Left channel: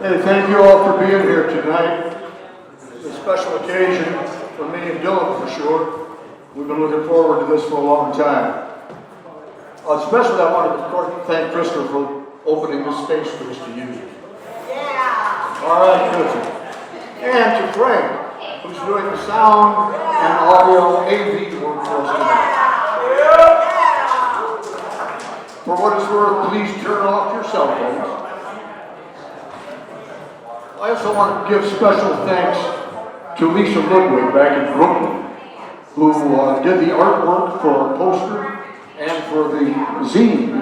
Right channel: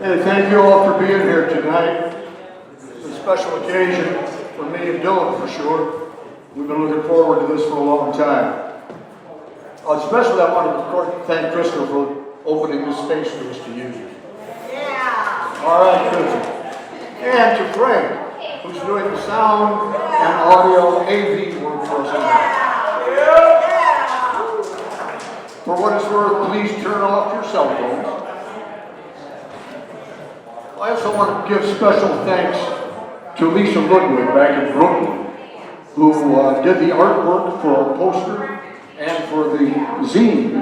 Hey, thank you all for being here tonight. It's a special occasion for me and Dylan for sure. We've been looking forward to this for a long time. Especially I wanted to, of course, thank Krista for opening this space for us to use. Yeah. All right, Krista. And to Frank, who's doing the sound and audio AV work for us tonight. For what it's worth, please turn off your cell phones. I also want to give special thanks to Lisa Ludwig back in Brooklyn, who did the artwork for our poster and for the zine,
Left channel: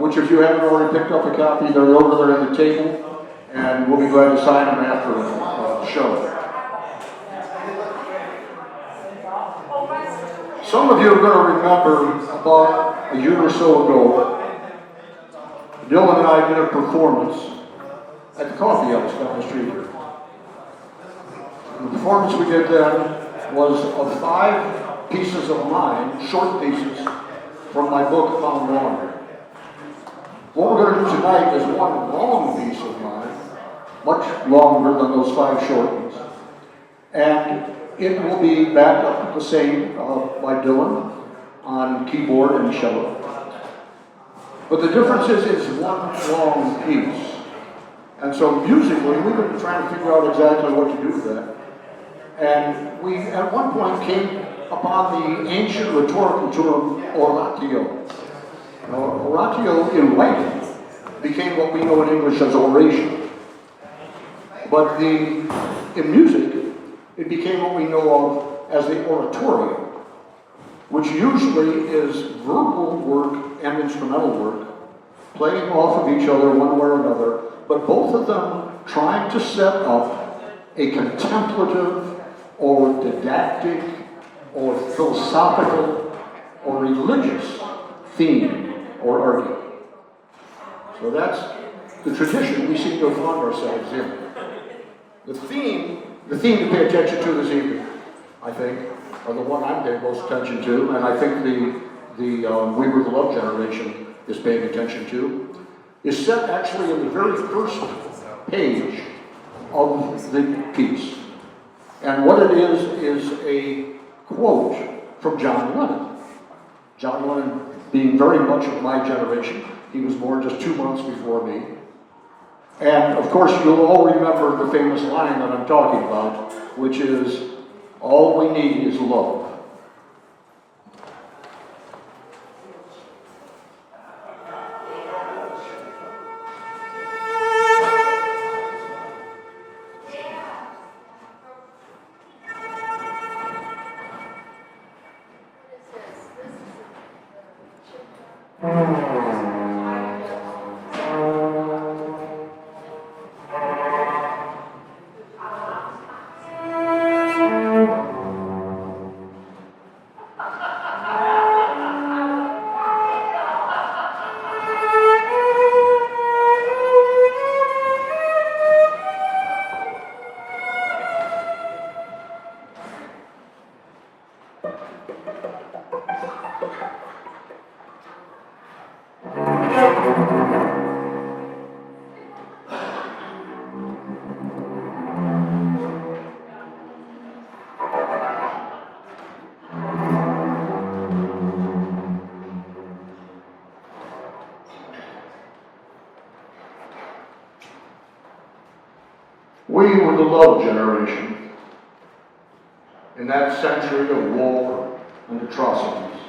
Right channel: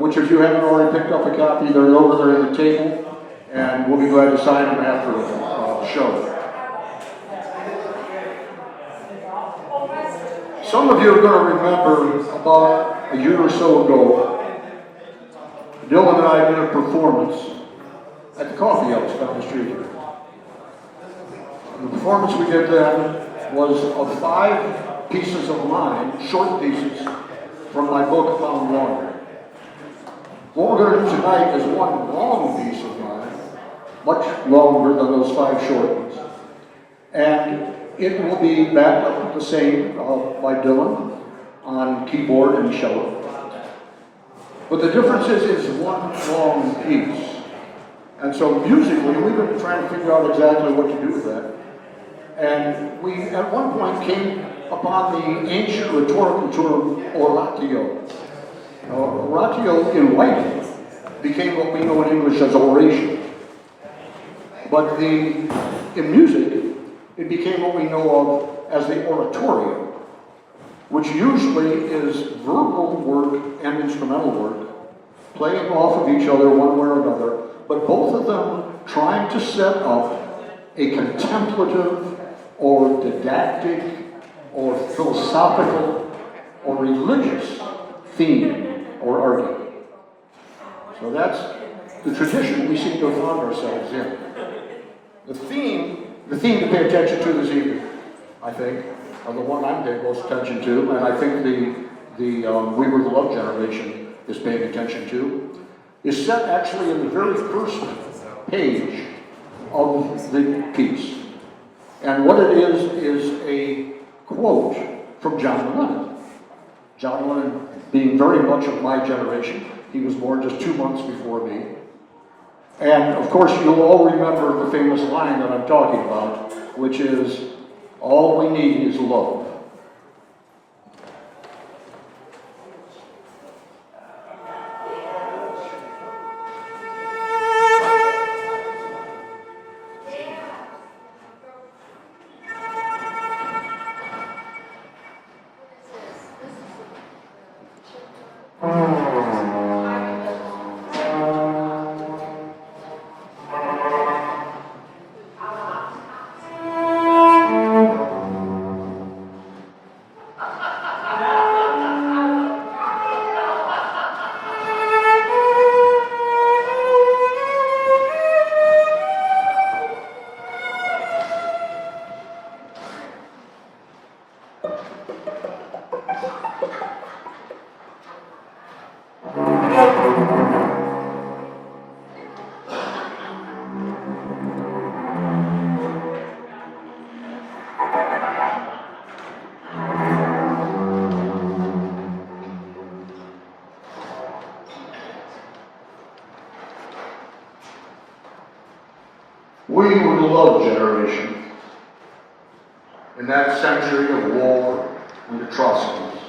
which if you haven't already picked up a copy, they're over there at the table, and we'll be glad to sign them after the show. Some of you are going to remember about a year or so ago, Dylan and I did a performance at the coffee house down the street here. The performance we did then was of 5 pieces of mine, short pieces, from my book, Found Wander. What we're going to do tonight is one long piece of mine, much longer than those 5 short ones. And it will be backed up with the same by Dylan on keyboard and cello. But the difference is one long piece. And so musically, we've been trying to figure out exactly what to do with that. And we, at one point, came upon the ancient rhetorical term oratio. Now, oratio in writing became what we know in English as oration. But in music, it became what we know of as the oratorio, which usually is verbal work and instrumental work, playing off of each other one way or another, but both of them trying to set up a contemplative or didactic or philosophical or religious theme or argument. So that's the tradition we seem to have found ourselves in. The theme to pay attention to this evening, I think, are the one I'm paying most attention to, and I think We Were the Love Generation is paying attention to, is set actually in the very first page of the piece. And what it is a quote from John Lennon. John Lennon being very much of my generation. He was born just 2 months before me. And of course, you'll all remember the famous line that I'm talking about, which is, all we need is love. We were the love generation in that century of war and atrocities.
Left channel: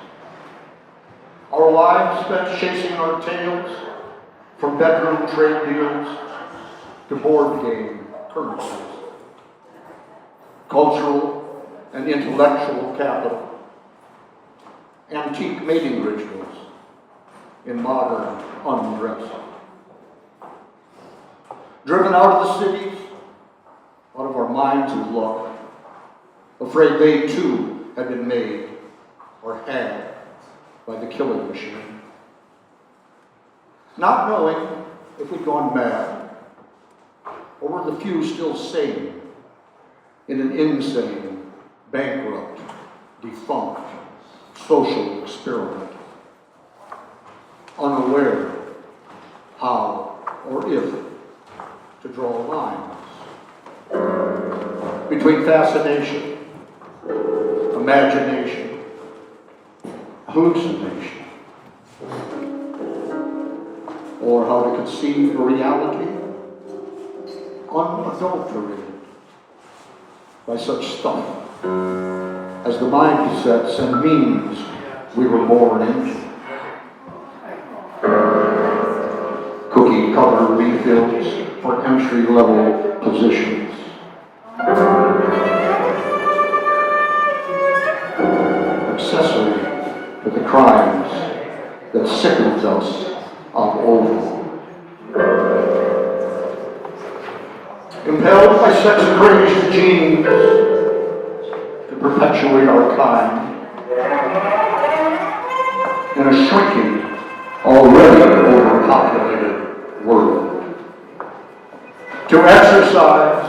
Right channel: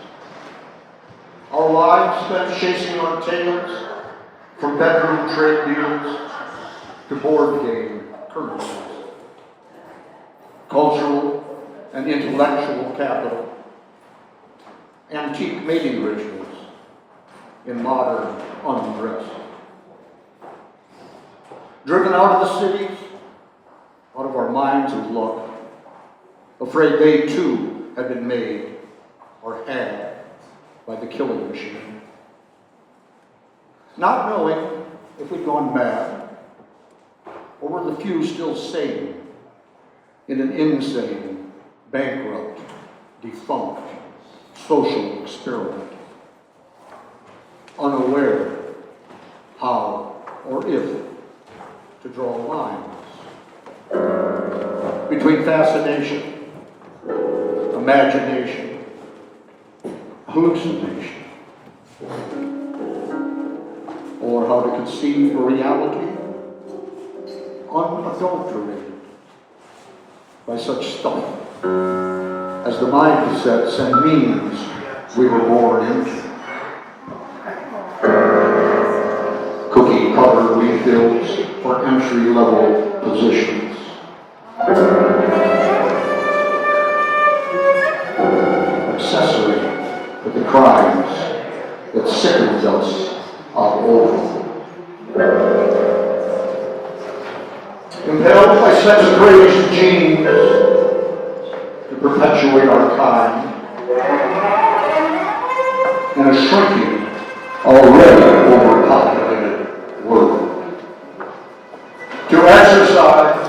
Our lives spent chasing our tails from bedroom trade deals to board game currencies, cultural and intellectual capital, antique mating rituals in modern undress. Driven out of the cities, out of our minds of luck, afraid they too had been made or had by the killing machine. Not knowing if we'd gone mad, or were the few still sane in an insane, bankrupt, defunct social experiment, unaware how or if to draw lines between fascination, imagination, hallucination, or how to conceive a reality unadulterated by such stuff as the mindsets and means we were born into. Cookie cutter refills for entry-level positions. Accessory to the crimes that sickened us of old. Impelled by sex-crazed genes to perpetuate our kind in a shrinking, already overpopulated world. To exercise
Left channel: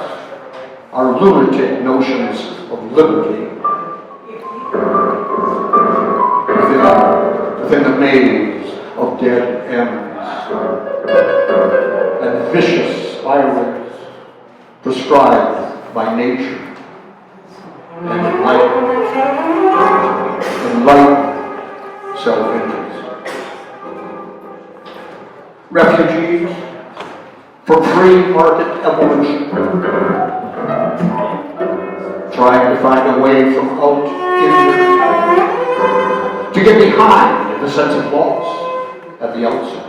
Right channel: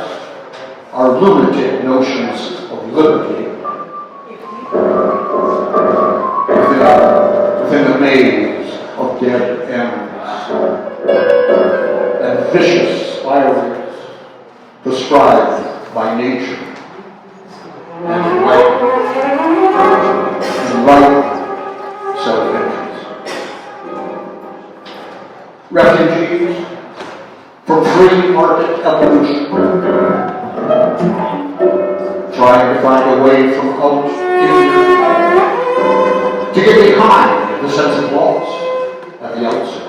our lunatic notions of liberty within the maze of dead ends and vicious spirals prescribed by nature and enlightened self-interest. Refugees from free market evolution, trying to find a way from out in, to get behind the sense of loss at the outset.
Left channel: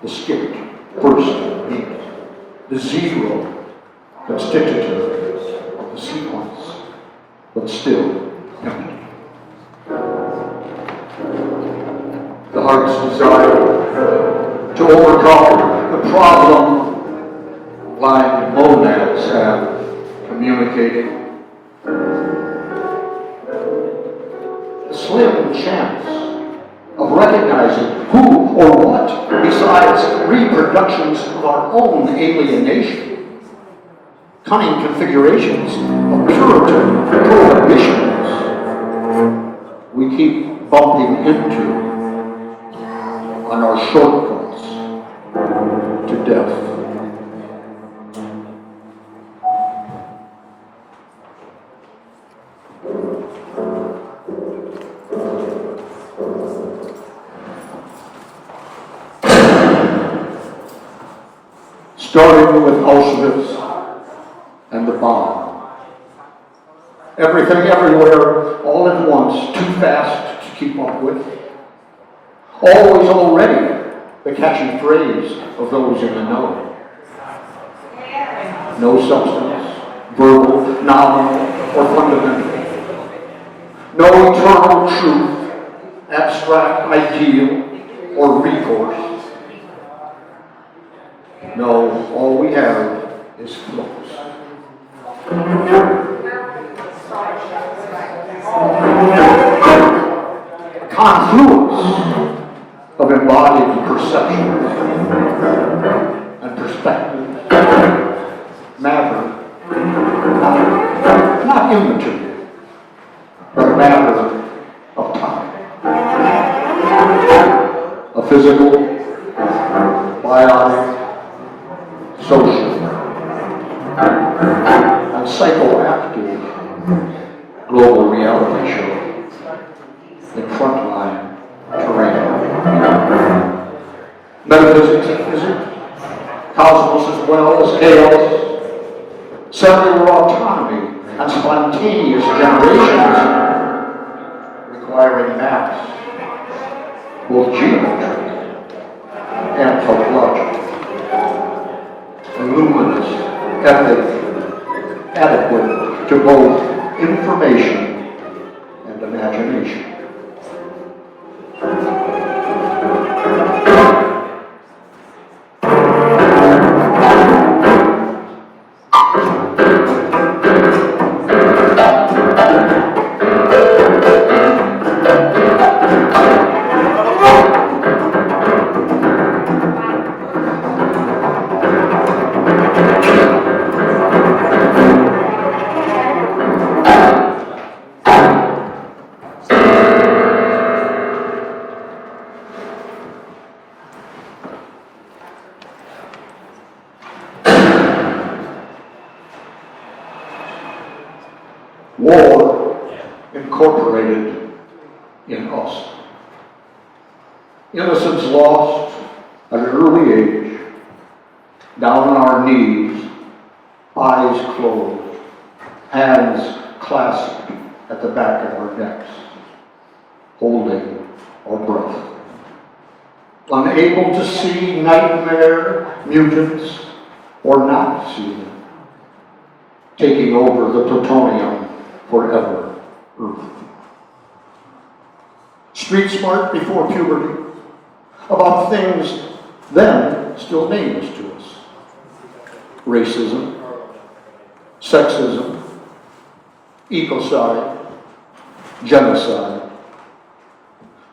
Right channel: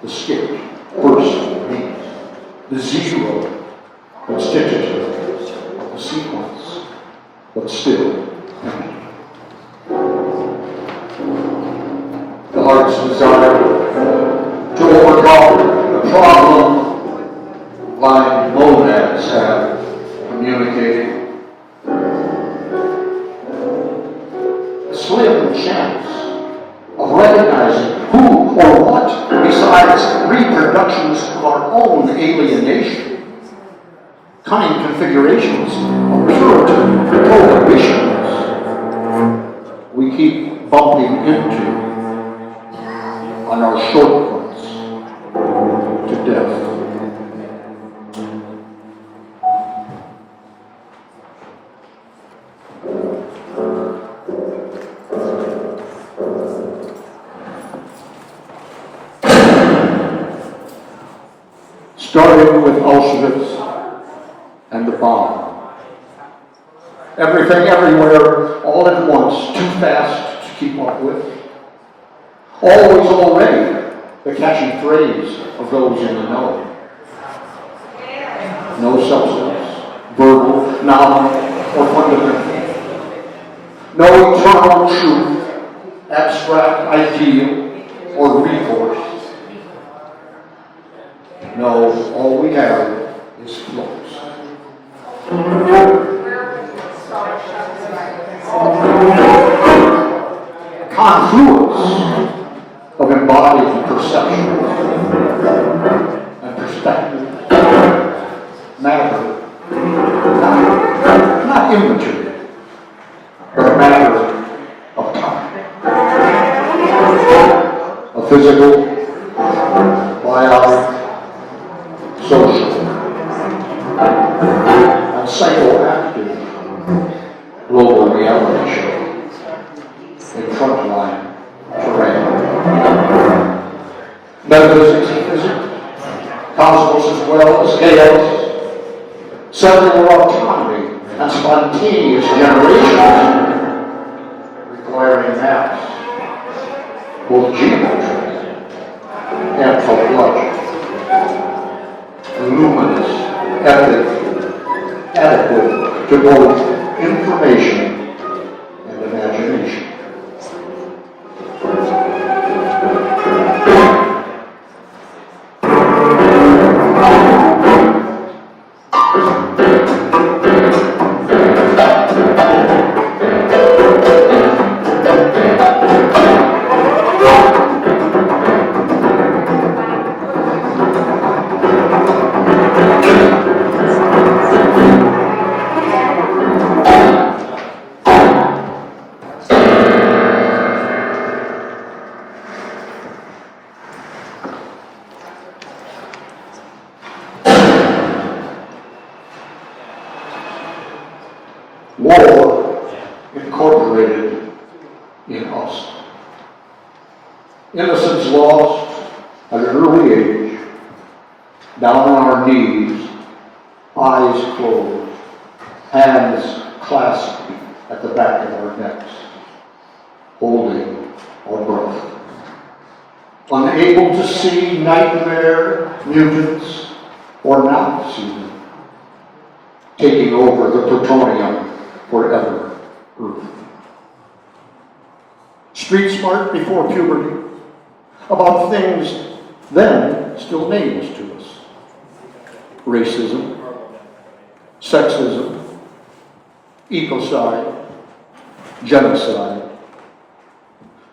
The skipped first beat, the zero constitutive of the sequence, but still empty. The heart's desire to overcome the problem blind monads have communicated. The slim chance of recognizing who or what, besides reproductions of our own alienation, cunning configurations of Puritan prohibitions we keep bumping into on our shortcuts to death. Starting with Auschwitz and the bomb. Everything, everywhere, all at once, too fast to keep up with. Always already, the catchy phrase of those in the know. No substance, verbal, nominal, or fundamental. No eternal truth, abstract ideal, or recourse. No, all we have is flux. A confluence of embodied perceptions and perspectives, matter, not immaterial, but a matter of time. A physical, biotic, social, and psychoactive global reality show in frontline terrain. Metaphysics and physics, cosmos as well as chaos, cellular autonomy and spontaneous generations, requiring maps, both geometric and topological. Luminous, ethic, adequate to both information and imagination. war incorporated in us. Innocence lost at an early age, down on our knees, eyes closed, hands clasped at the back of our necks, holding our breath. Unable to see nightmare mutants or not see them, taking over the plutonium forever Earth. Street smart before puberty, about things then still nameless to us. Racism, sexism, ecocide, genocide,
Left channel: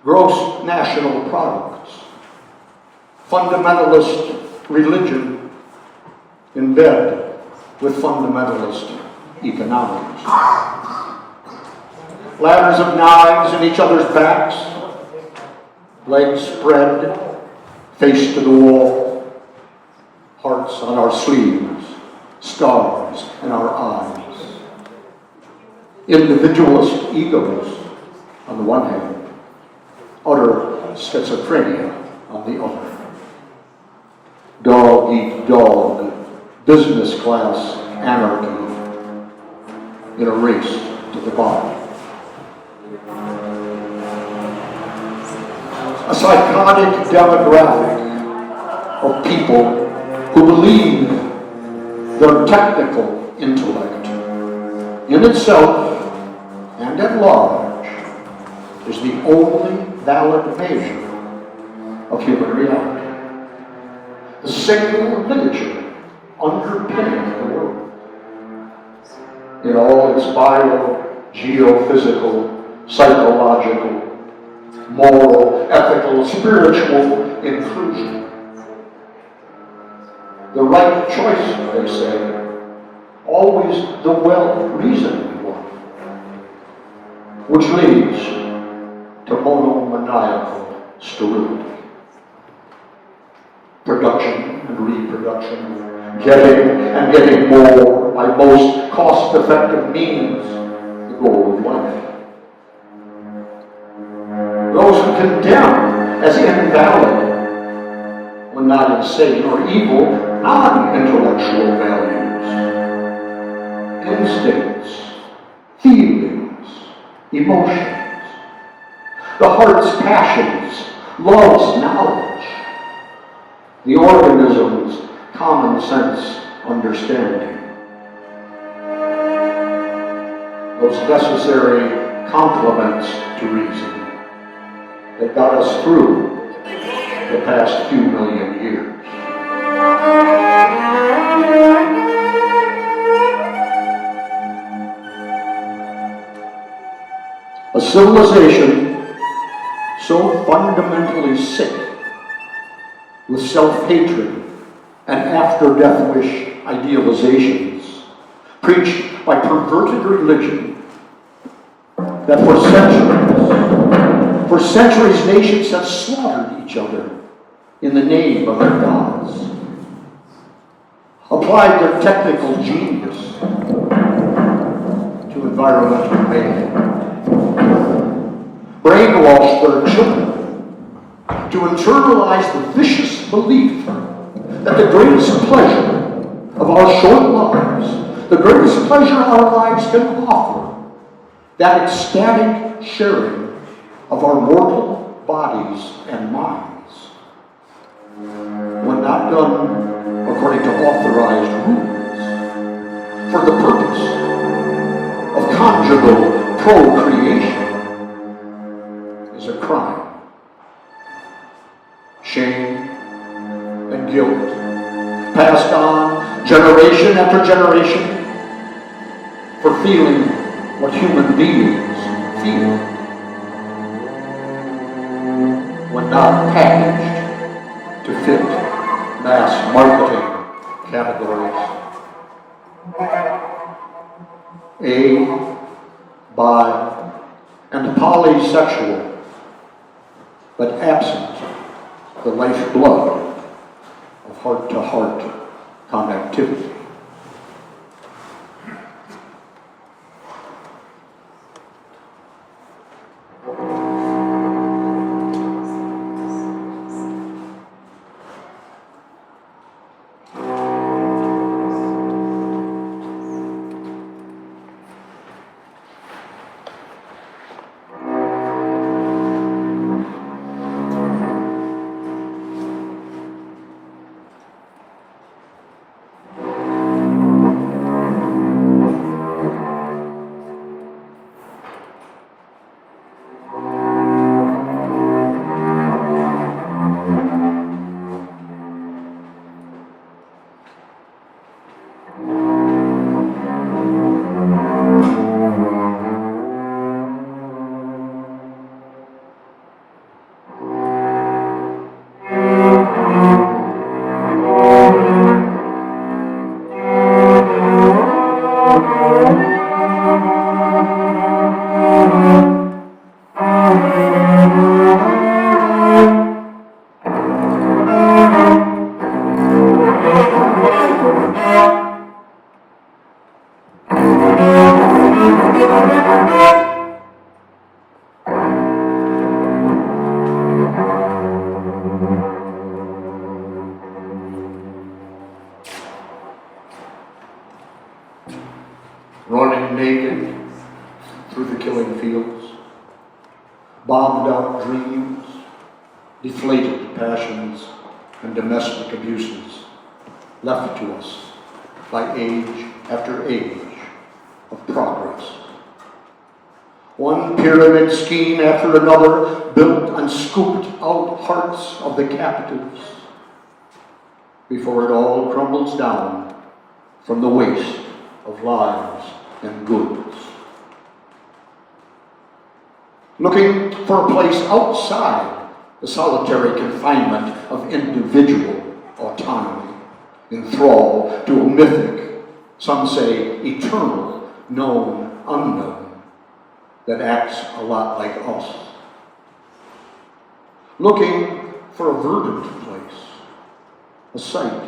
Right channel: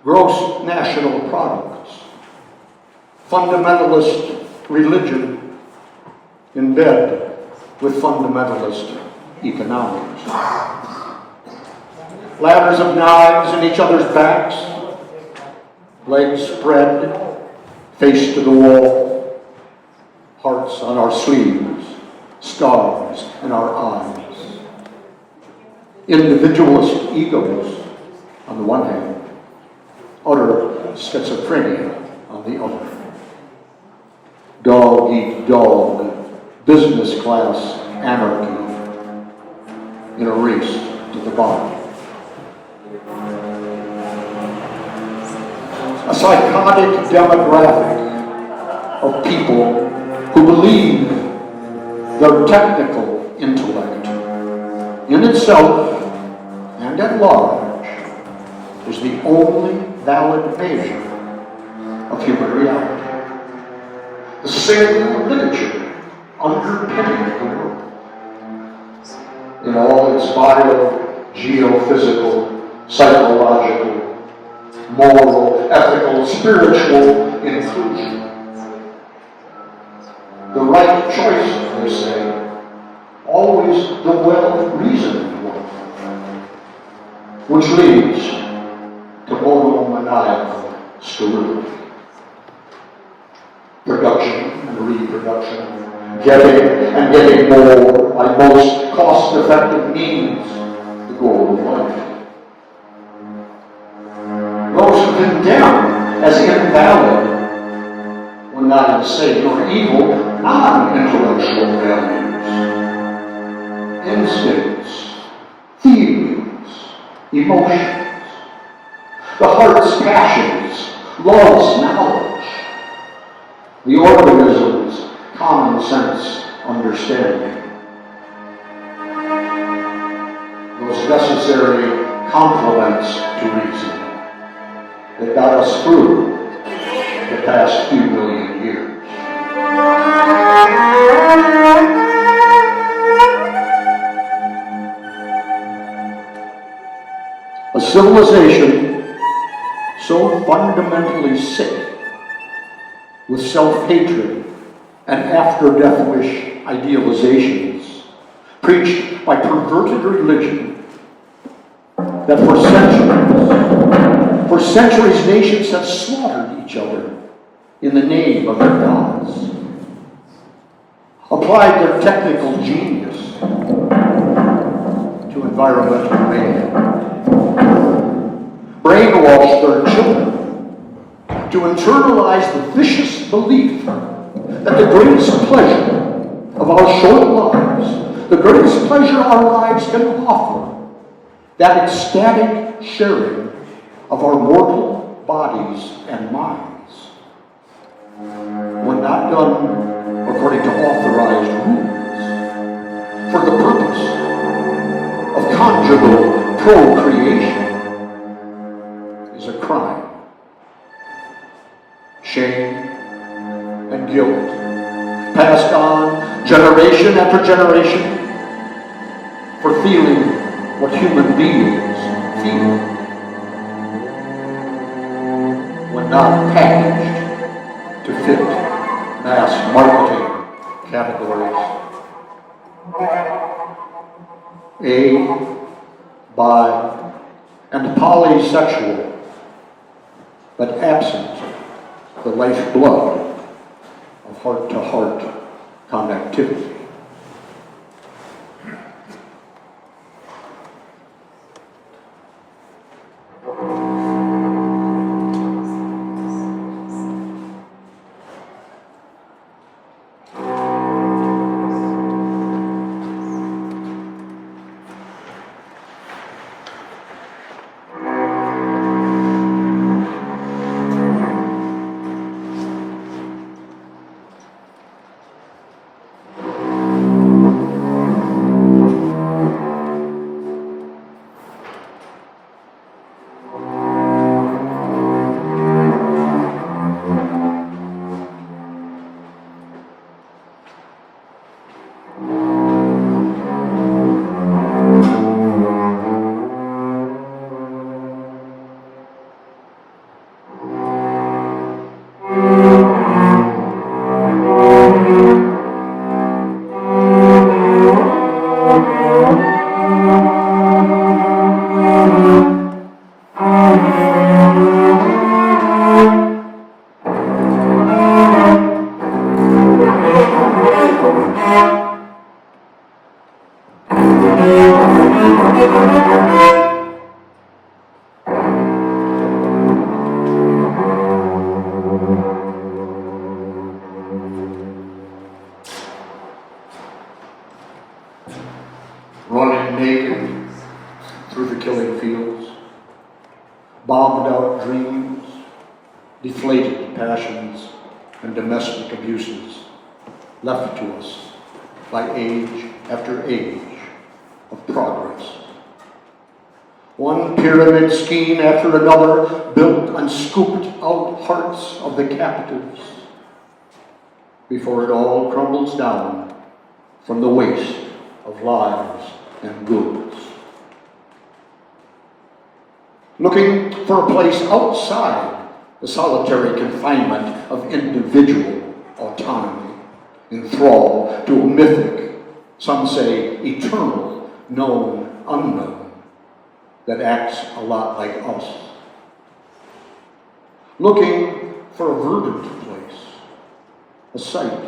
gross national products, fundamentalist religion in bed with fundamentalist economics. Ladders of knives in each other's backs, legs spread, face to the wall, hearts on our sleeves, scars in our eyes. Individualist egos on the one hand, utter schizophrenia on the other. Dog eat dog, business class anarchy in a race to the bottom. A psychotic demographic of people who believe their technical intellect in itself and at large is the only valid measure of human reality. The single literature underpinning the world in all its bio, geophysical, psychological, moral, ethical, spiritual inclusion. The right choice, they say, always the well-reasoned one, which leads to monomaniacal sterility. Production and reproduction, getting and getting more by most cost-effective means, the goal of life. Those who condemn as invalid, when not insane or evil, non-intellectual values, instincts, feelings, emotions, the heart's passions, love's knowledge, the organism's common sense understanding, those necessary complements to reason that got us through the past few million years. A civilization so fundamentally sick with self-hatred and after-death wish idealizations preached by perverted religion that for centuries nations have slaughtered each other in the name of their gods, applied their technical genius to environmental mayhem, brainwashed their children to internalize the vicious belief that the greatest pleasure of our short lives, the greatest pleasure our lives can offer, that ecstatic sharing of our mortal bodies and minds, when not done according to authorized rules, for the purpose of conjugal procreation, is a crime. Shame and guilt, passed on generation after generation, for feeling what human beings feel, when not packaged to fit mass marketing categories. A, bi, and polysexual, but absent the lifeblood of heart-to-heart connectivity. naked through the killing fields, bombed out dreams, deflated passions, and domestic abuses left to us by age after age of progress. One pyramid scheme after another built and scooped out hearts of the captives before it all crumbles down from the waste of lives and goods. Looking for a place outside the solitary confinement of individual autonomy, in thrall to a mythic, some say eternal, known unknown, that acts a lot like us. Looking for a verdant place, a sight,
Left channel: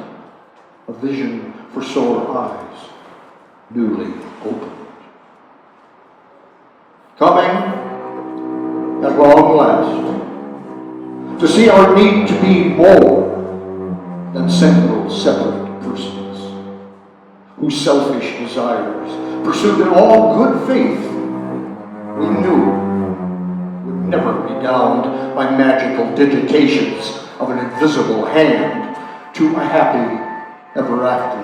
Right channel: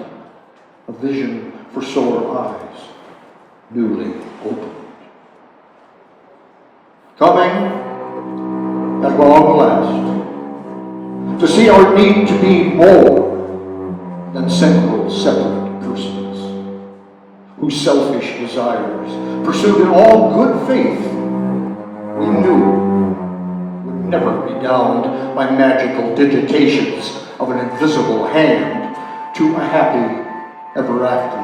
a vision for sore eyes, newly opened. Coming at long last, to see our need to be more than single separate persons, whose selfish desires, pursued in all good faith, we knew would never be downed by magical digitations of an invisible hand to a happy ever after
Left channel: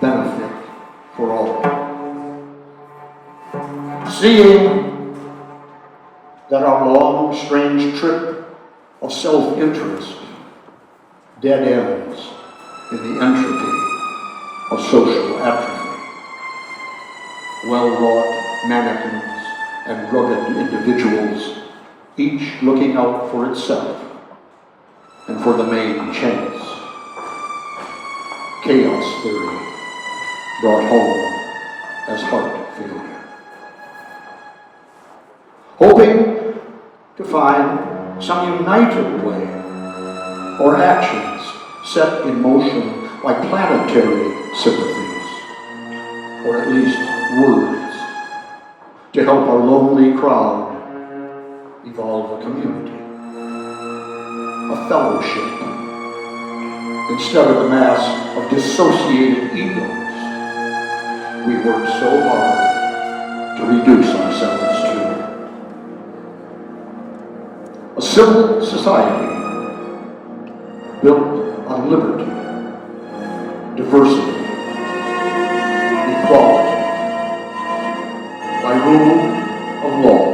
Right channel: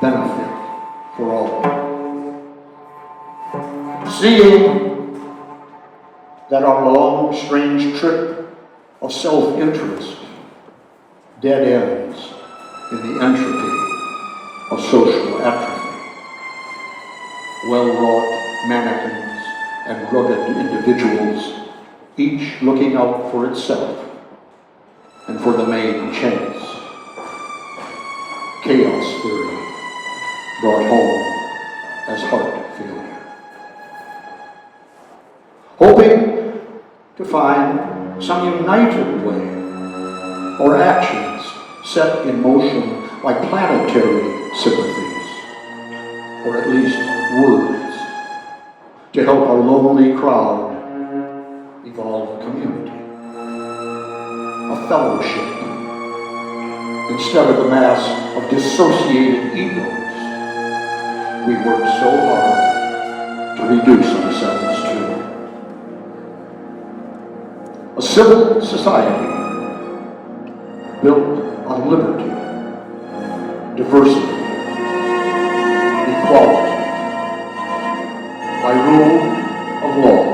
benefit for all. Seeing that our long, strange trip of self-interest dead ends in the entropy of social atrophy, well-wrought mannequins and rugged individuals, each looking out for itself and for the main chance. Chaos theory brought home as heart failure. Hoping to find some united way or actions set in motion like planetary sympathies, or at least words, to help our lonely crowd evolve a community, a fellowship, instead of the mass of dissociated egos we worked so hard to reduce ourselves to. A civil society built on liberty, diversity, equality, by rule of law.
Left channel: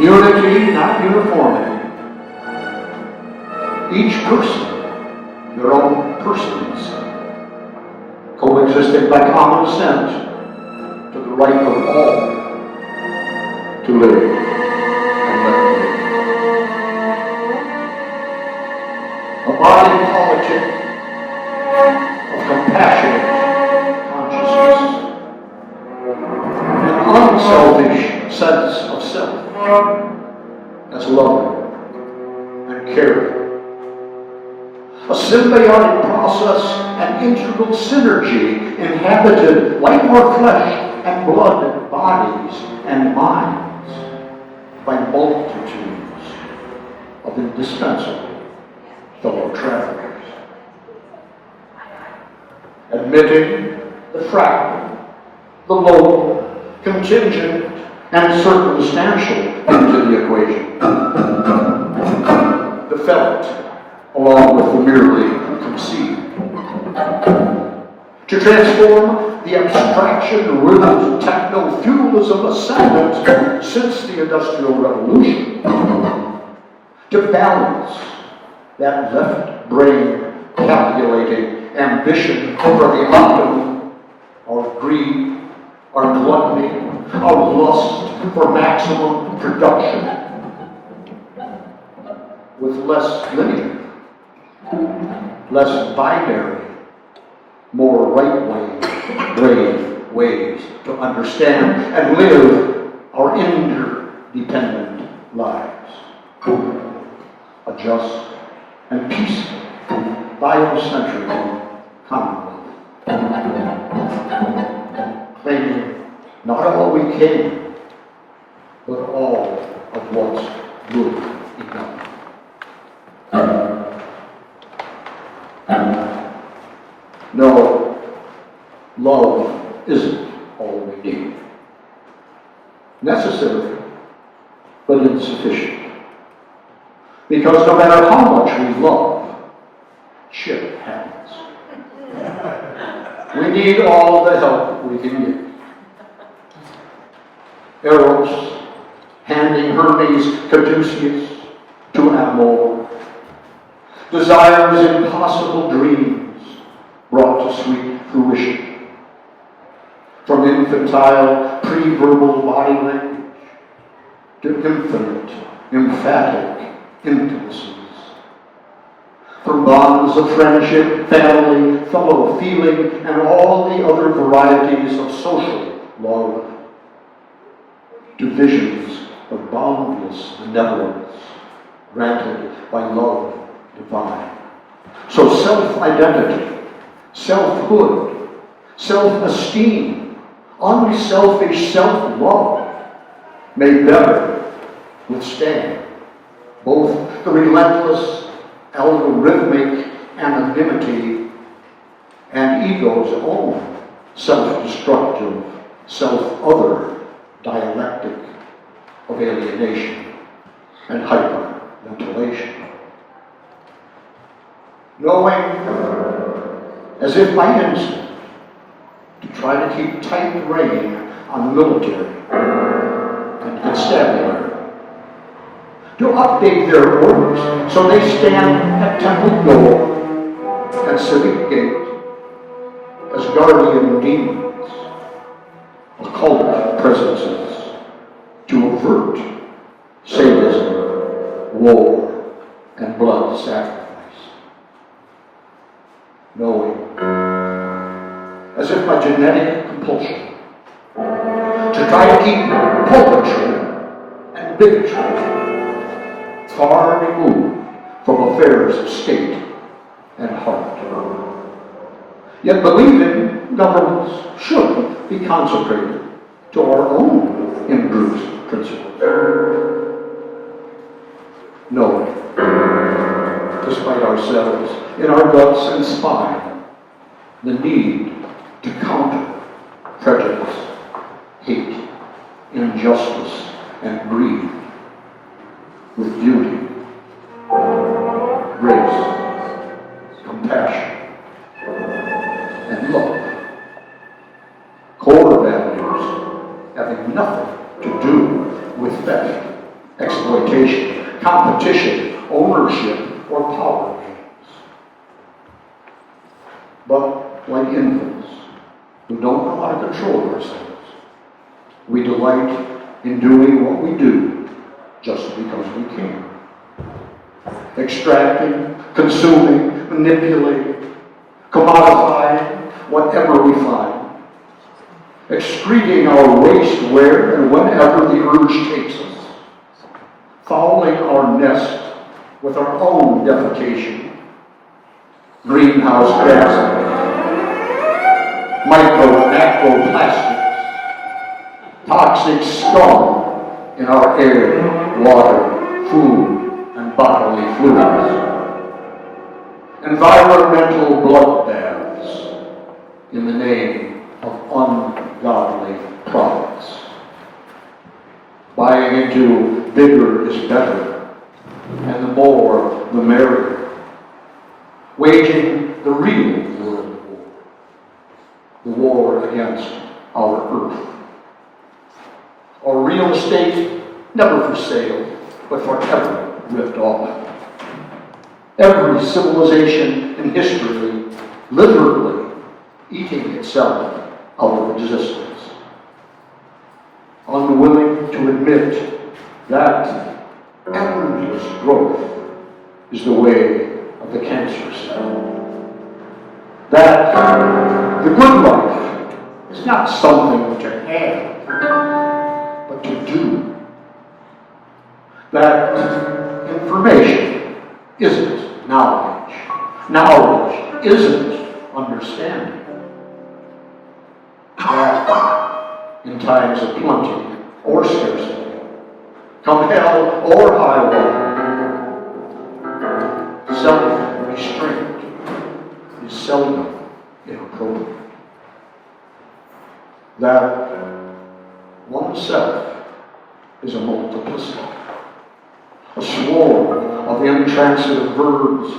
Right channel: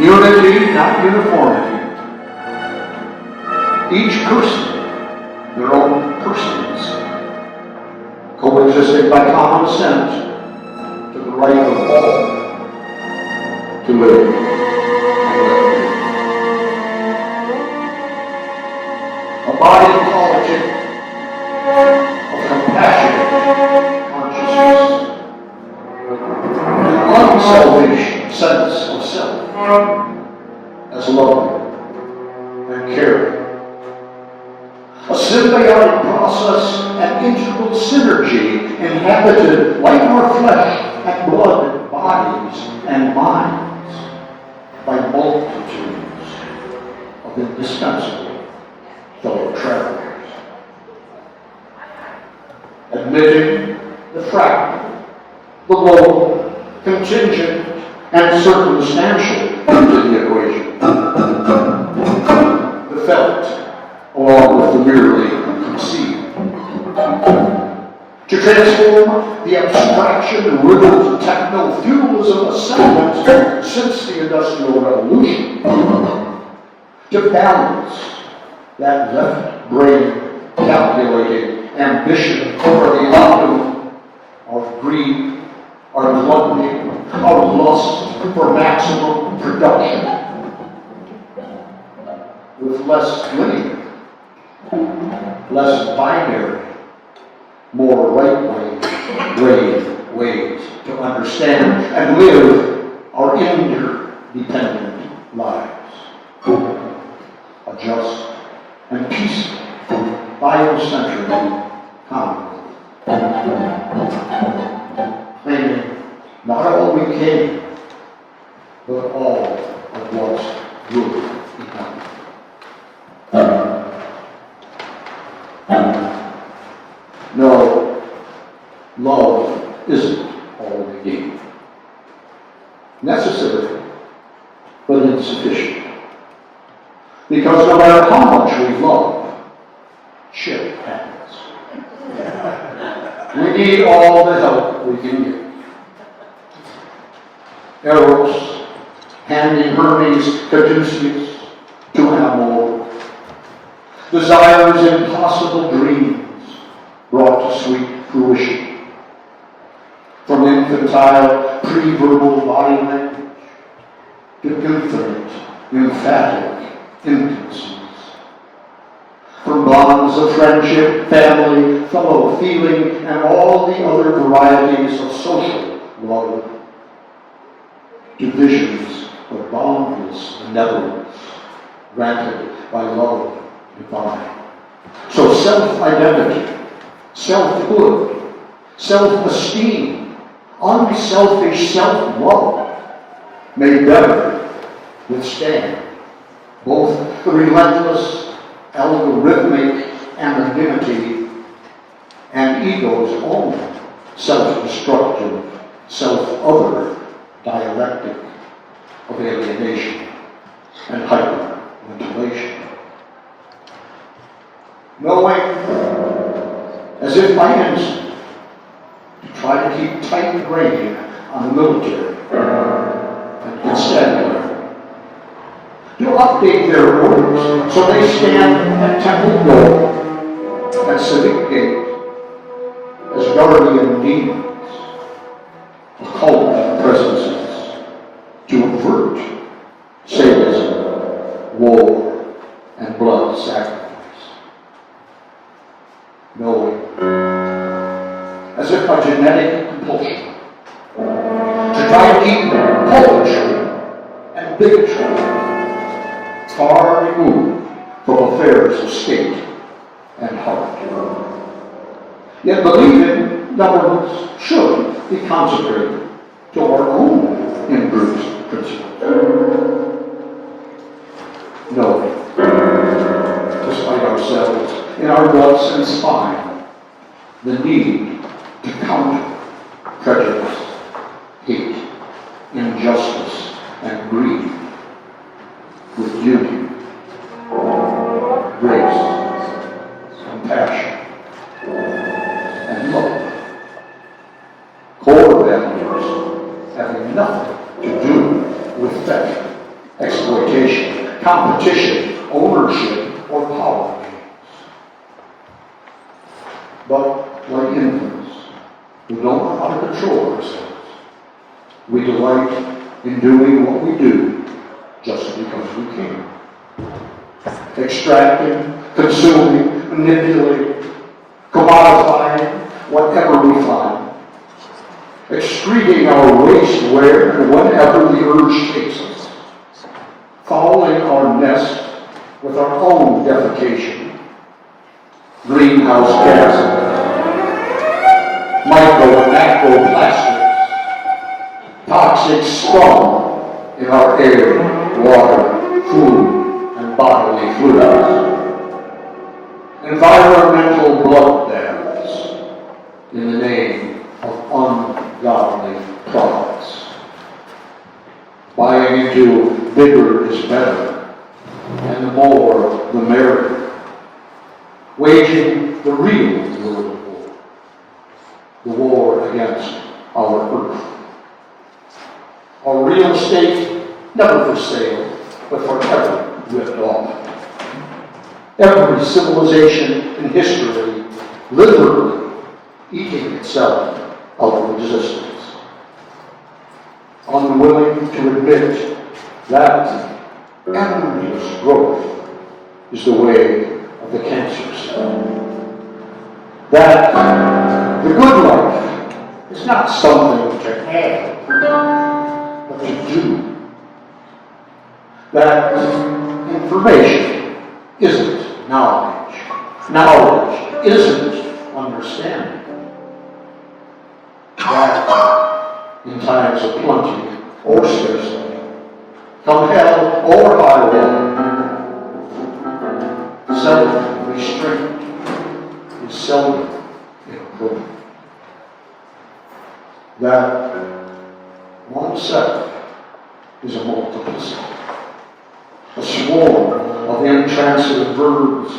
Unity, not uniformity. Each person, their own persons, coexisting by common assent to the right of all to live and let live. A body politic of compassionate consciousness, an unselfish sense of self as love and caring. A symbiotic process and integral synergy inhabited like our flesh and blood bodies and minds by multitudes of indispensable fellow travelers. Admitting the fractal, the local, contingent, and circumstantial into the equation. The felt, along with the merely conceived. To transform the abstraction-riddled techno-feudalism ascendant since the Industrial Revolution, to balance that left brain calculating ambition for the outcome of greed, our gluttony, our lust for maximum production, with less linear, less binary, more right-brain ways to understand and live our interdependent lives. A just and peaceful, biocentric commonwealth. Claiming not all we came, but all of what's good enough. No, love isn't Because no matter how much we love, shit happens. We need all the help we can get. Eros, handing Hermes Caduceus to Amor. Desire's impossible dreams brought to sweet fruition. From infantile, pre-verbal body language to infinite, emphatic intimacies. From bonds of friendship, family, fellow feeling, and all the other varieties of social love, to visions of boundless benevolence granted by love divine. So self-identity, selfhood, self-esteem, unselfish self-love may better withstand both the relentless algorithmic anonymity and ego's own self-destructive, self-other dialectic of alienation and hyperventilation. Knowing, as if by instinct, to try to keep tight rein on the military and constabulary, to update their orders so they stand at temple door and civic gate as guardian demons, occult presences, to avert sadism, war, and blood sacrifice. Knowing, as if by genetic compulsion, to try to keep poetry and bigotry far removed from affairs of state and heart. Yet believing governments should be consecrated to our own inbruised principles. Knowing, despite ourselves, in our guts and spine, the need to counter prejudice, hate, injustice, and greed with beauty, grace, compassion, and love. Core values having nothing to do with theft, exploitation, competition, ownership, or power games. But like infants who don't know how to control ourselves, we delight in doing what we do just because we can. Extracting, consuming, manipulating, commodifying whatever we find. Excreting our waste where and whenever the urge takes us. Fouling our nest with our own defecation. Greenhouse gases, micro and macro plastics, toxic scum in our air, water, food, and bodily fluids. Environmental bloodbaths in the name of ungodly products. Buying into bigger is better, and the more the merrier. Waging the real world war, the war against our earth. Our real estate, never for sale, but forever ripped off. Every civilization in history literally eating itself out of existence. Unwilling to admit that endless growth is the way of the cancer cell. That the good life is not something to have, but to do. That information isn't knowledge. Knowledge isn't understanding. That in times of plenty or scarcity, come hell or high water, self-restraint is seldom inappropriate. That oneself is a multiplicity, a swarm of intransitive verbs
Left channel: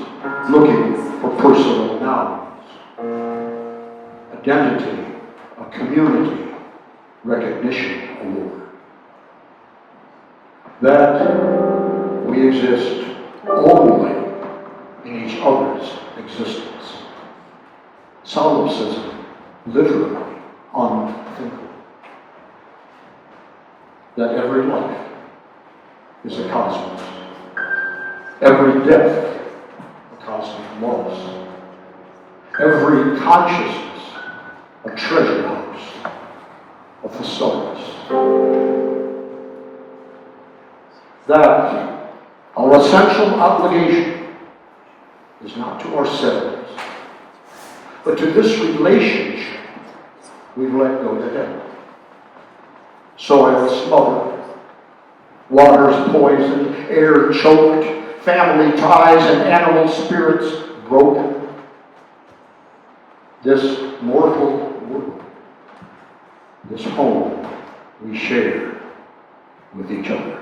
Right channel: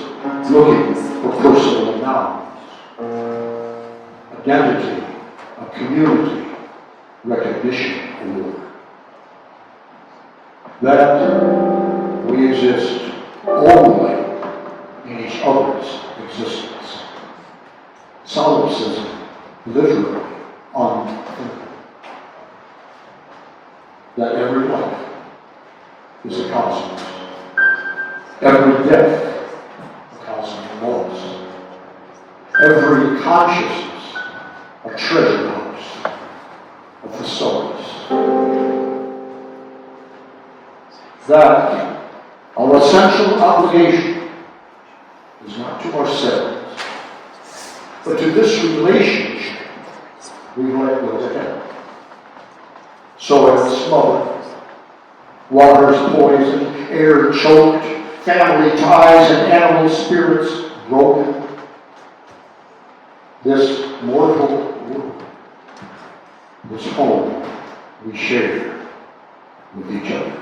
looking for personal nouns. Identity, a community recognition award. That we exist only in each other's existence. Solipsism, literally unthinkable. That every life is a cosmos. Every death, a cosmic loss. Every consciousness, a treasure house of the stars. That our essential obligation is not to ourselves, but to this relationship we've let go to heaven. Soil smothered, water's poisoned, air choked, family ties and animal spirits broken. This mortal world, this home we share with each other.